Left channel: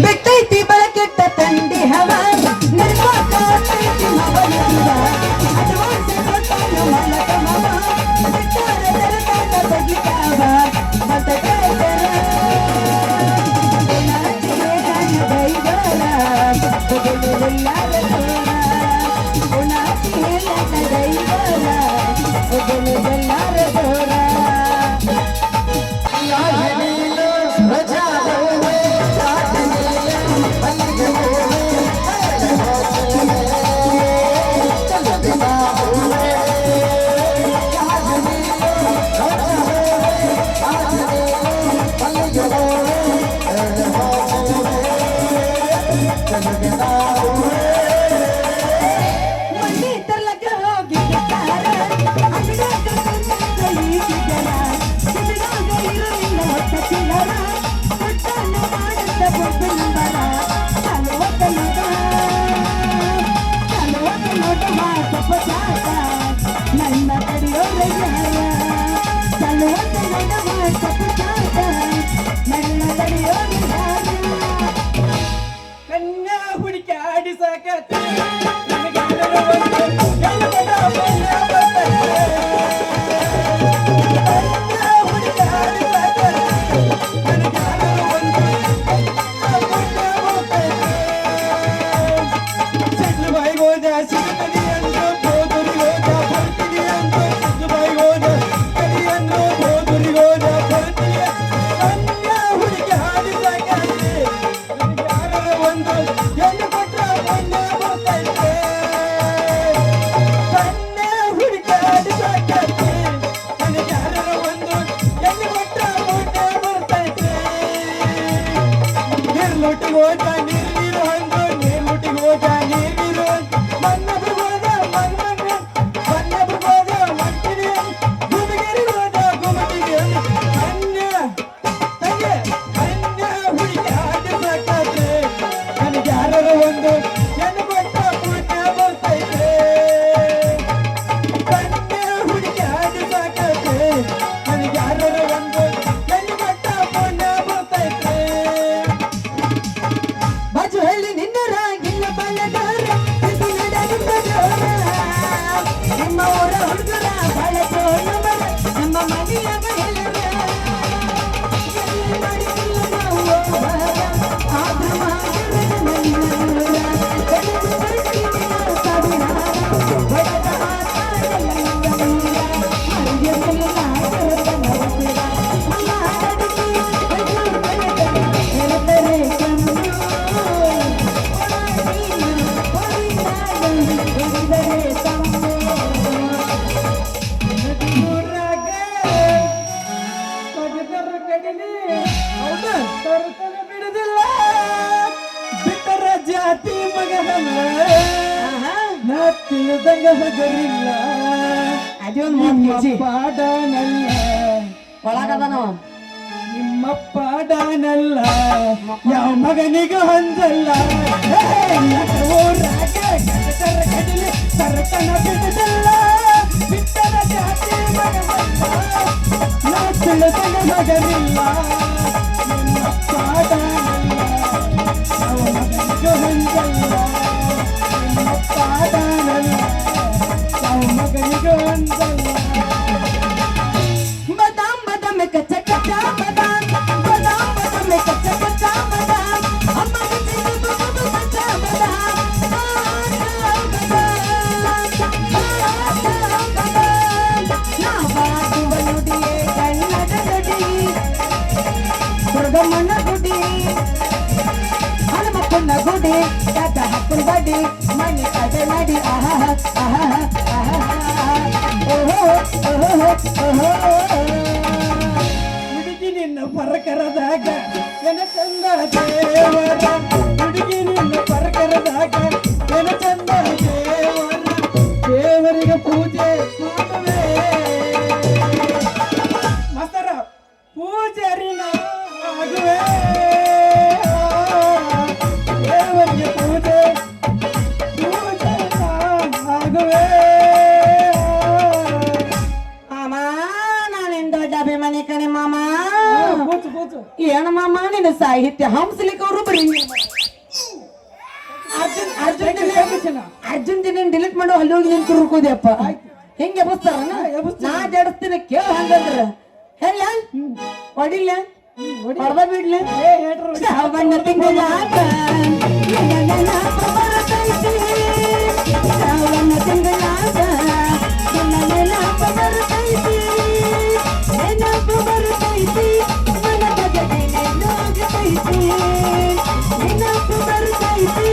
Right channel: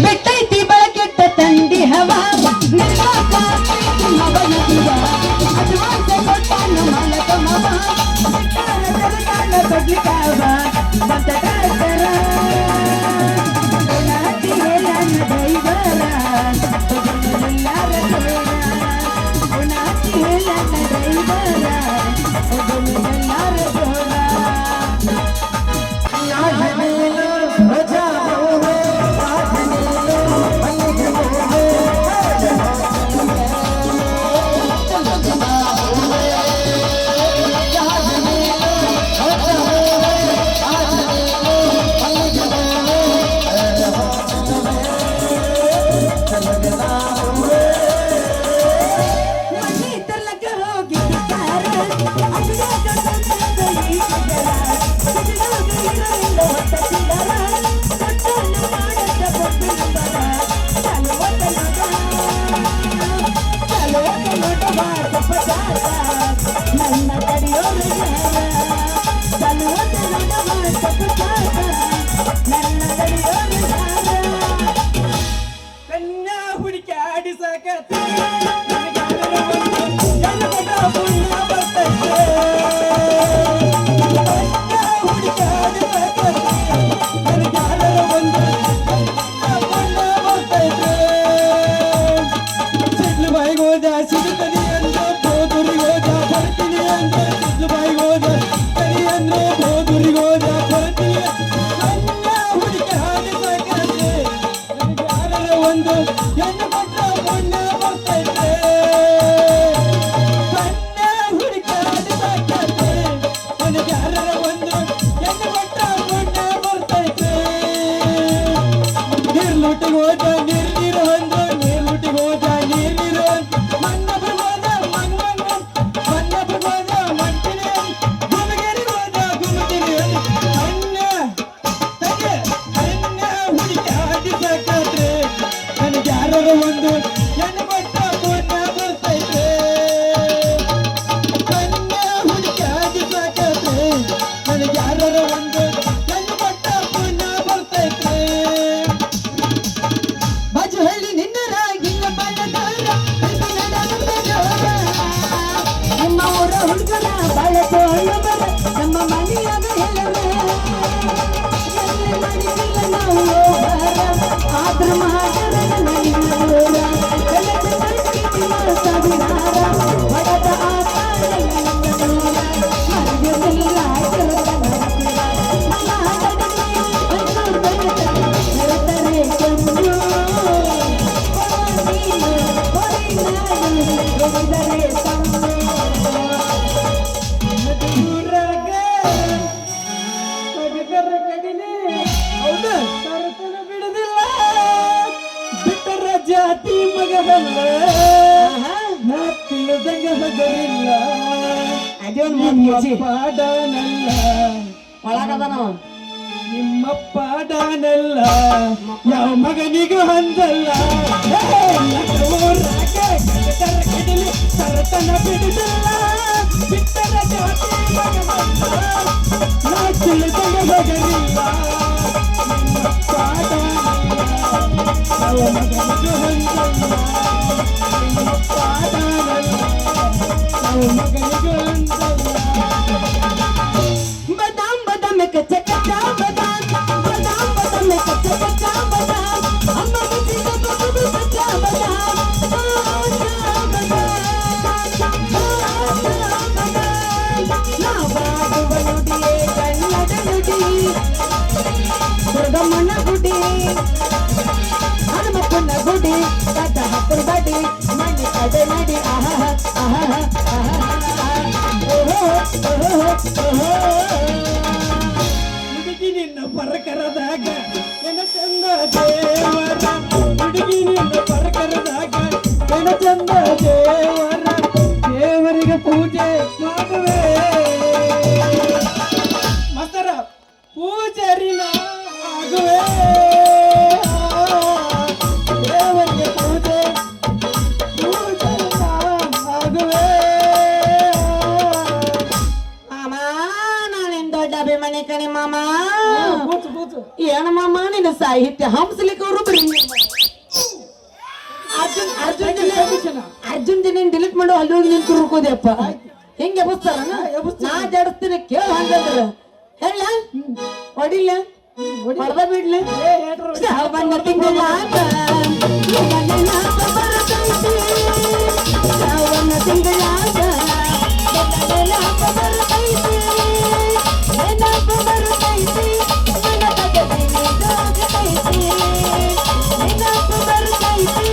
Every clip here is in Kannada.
ಬಿಟ್ಟೈತಿ ಬಳಕೆಟ್ಟ ತಂಡಿ ಹವ ನಿರ್ಮಾಕ ಮವನ ಜೀವ ಅಡ್ವಾನ್ಸ್ ಕೊಟ್ಟಾನ ಮಲಕ ಮವ ಬಿಟ್ಟಾರ ತರತಾನ ಬದ್ಲಿಕಾವ ಮತ ಕಾಯ್ತಾರ ಏನಾಚಿ ಹೇಳನ್ನ ದೈವರ ಬದಲರೆಲ್ಲಾರ ತೋರ ಏನಾಚಿ ಹೇಳನ್ನ ದೈವರ ಬದಲರೆಲ್ಲಾರ ತೋರ ನಿಮ್ಮ ಪಾಡನಲ್ಲ ಯಾವ ಮಗನಿಗೂ ಹೊಂದಲ್ಲ ಸರಕನ ಬಿಡುದಿಲ್ಲ ಬಿಟ್ಟರ ಜಾತಿ ಮಗನಿಲ್ಲ ನಿಮ್ಮ ಪಾಡನಲ್ಲ ಯಾವ ಮಗನಿಗೂ ಹೊಂದಲ್ಲ ನಿಮ್ಮ ಪಾಡನಲ್ಲ ಯಾವ ಮಗನಿಗೂ ಹೊಂದಲ್ಲ कच्चा कच्चा बादाम बादाम बादाम में कच्चा कच्चा बादाम अम्मा जी का बाबू कच्चा बादाम ना बात बनुडिये कन्नड नुडी दुर्गम्मन गुडी हनुमಪ್ಪನ गुडी दाद हक्कर बडी मणि कಡೆ नडी आहा आहा आहा ओहो ओहो ओहो ನಿನ್ನ ಪರಕರದಾಗ ಚಂದ ದೇವರ ಹುಡುಗಿ ನಿನ್ನ ಪರಕರದಾಗ ಚಂದ ದೇವರ ದೇವರಿಗೆ ಪೂಜೆ ಮಾಡುವೆ ಮಾಸ್ತರ ಪೂಜಾರಿನ ಆಗುವೆ ದೇವರಿಗೆ ಪೂಜೆ ಆಗುವೆ ಮಾಮ ನಾನಿನ್ ದೊಡ್ಡ ಅಭಿಮಾನಿ ಕಣೆ ಮಾಮ ಕೂತು ಏನು ಮಾಮ ನಿನ್ನ ಸಾಹಿತ್ಯ ಹಂಸಲಿಕ್ಕೆ ಎಬ್ಬಿಸಣ. ಅರ್ಜುನ್ ದಿನ ಡಿಲೀಟ್ ಮಾಡು ಅಲ್ಲಿ ಹೋಗಿ ನಿಂತು ಹುರ್ಕೋದೆಪ್ಪ ಹೆಂಗೆ ಎಬ್ಬಿಸ್ತಾರ ನಾ ಜಡಿಸ್ತೀನಿ ಕೇಳ ಹಂಗಂದ್ರ ಹೇಳ ಹೊಡಿಲ್ಲ ಹೊಡೆದ ಬಿಡ್ಲ ಶ್ರಾವಣ ತಿಂಗಳಾಗ ನಿನ್ನ ನೆನಪ ಬರ್ತೈತಿ ಶ್ರಾವಣ ತಿಂಗಳಾಗ ನಿನ್ನ ನೆನಪ ಬರ್ತೈತಿ ನೆನಪ ಬರ್ತೈತಿ ಮನದ ಗಡಿನಾಗತೈತಿ ನೆನಪ ಬರ್ತೈತಿ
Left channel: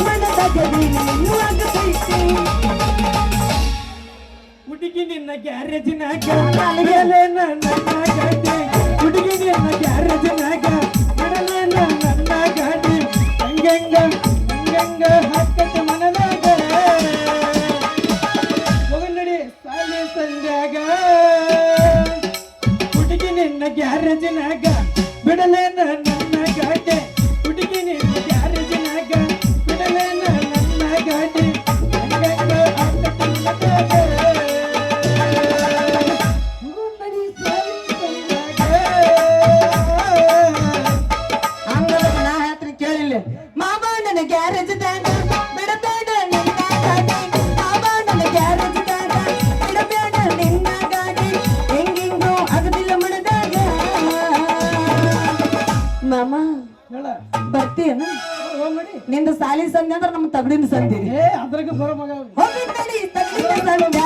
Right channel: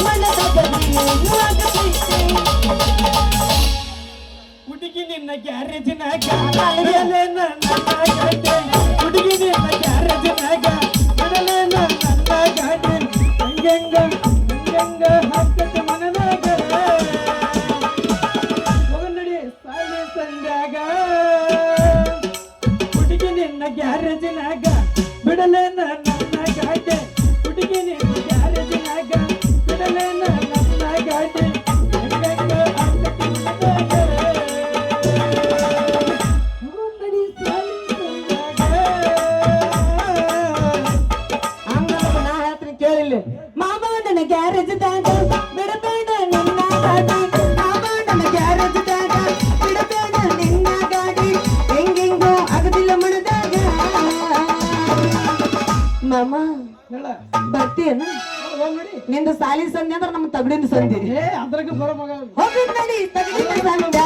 ಮನದ ಗಡಿನಾಗತೈತಿ ಹುಡುಗಿ ನಿನ್ನ ಗ್ಯಾರೇಜಿನಾಗ ಬಿಡಲೇ ನನ್ನ ಗಾಡಿ ಹುಡುಗಿ ನಿನ್ನ ಗ್ಯಾರೇಜಿನಾಗ ಬಿಡಲೇ ನನ್ನ ಗಾಡಿ ಹಂಗಂಗ ಹಾಕತಿ ಮನದಾಗ ಹೋಗನಡಿ ಸಾಲಿ ಸಂಜಾಗ ಹುಡುಗಿ ನಿನ್ನ ಗ್ಯಾರೇಜಿನಾಗ ಬಿಡಲೇ ನನ್ನ ಗಾಡಿ ಹುಡುಗಿ ನಿನ್ನ ಗ್ಯಾರೇಜಿನಾಗ ಬಿಡಲೇ ನನ್ನ ಗಾಡಿ ಹಂಗಂಗ ಹಾಕತಿ ಮನದಾಗ ಕೇಳಿಲ್ಲ ಮಾಮ ನನ್ನ ಗ್ಯಾರೇಜ್ದಾಗ ಬಿಡಬೇಡ ನಿನ್ನ ಗಾಡಿ ಮಾಮ ನನ್ನ ಗ್ಯಾರೇಜ್ದಾಗ ಬಿಡಬೇಡ ನಿನ್ನ ಗಾಡಿ ಹೆಂಗೆಂಗೋ ಆಗದಿಲ್ಲ ಮನದಾಗ ಮಾಮ ಹೇಳ ಬರ್ತೀಯನ ಹೋಗಡಿ ನಿಂದು ಸಾಲಿ ಸಂಧಿ ಅಂದ್ರೆ ನಮ್ಮ ತಗಡಿನ ಸಂಧಿ ಅದ್ರಾಗ ಬರೋ ಮಗ ಹೋಗಿ ನಡಿ ತಗಡಿನ ಸಂಧಿ